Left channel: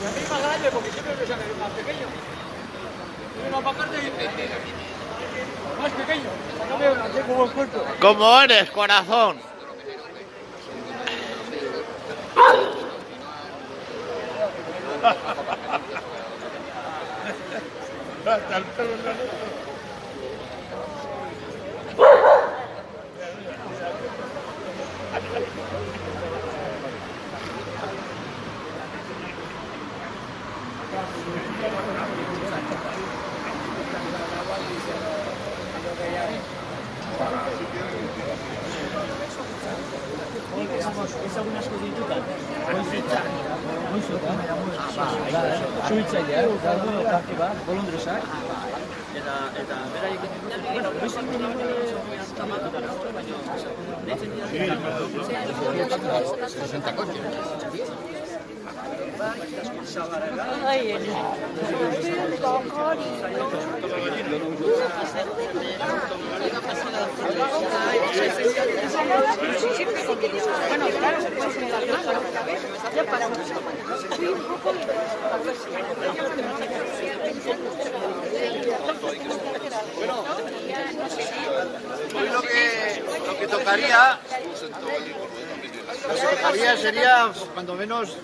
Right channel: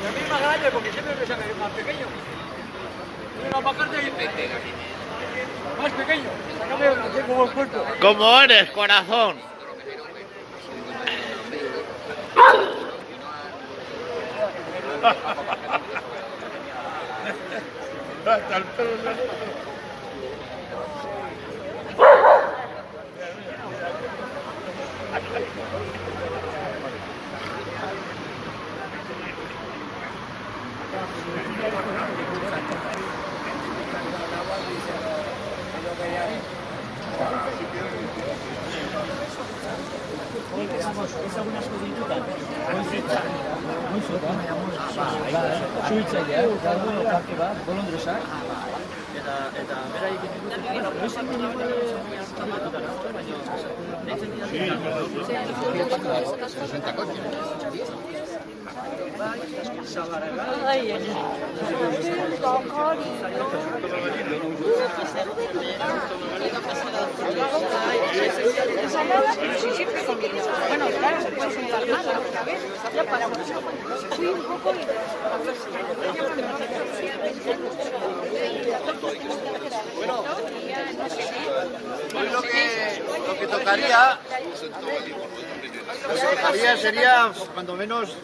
Y a mí más grande, porque siempre me sacan el más pequeño. Venga, para acá, más pequeño. Sácame, tengo buen puerto. ¿Cómo eres, corazón? Hasta el pelo. Ez algunas asko ditutan, goizetan, suhitzailea, gaudo parte bat, bolondresa, eta beraiek Lo que tocaría sería, cuando menos,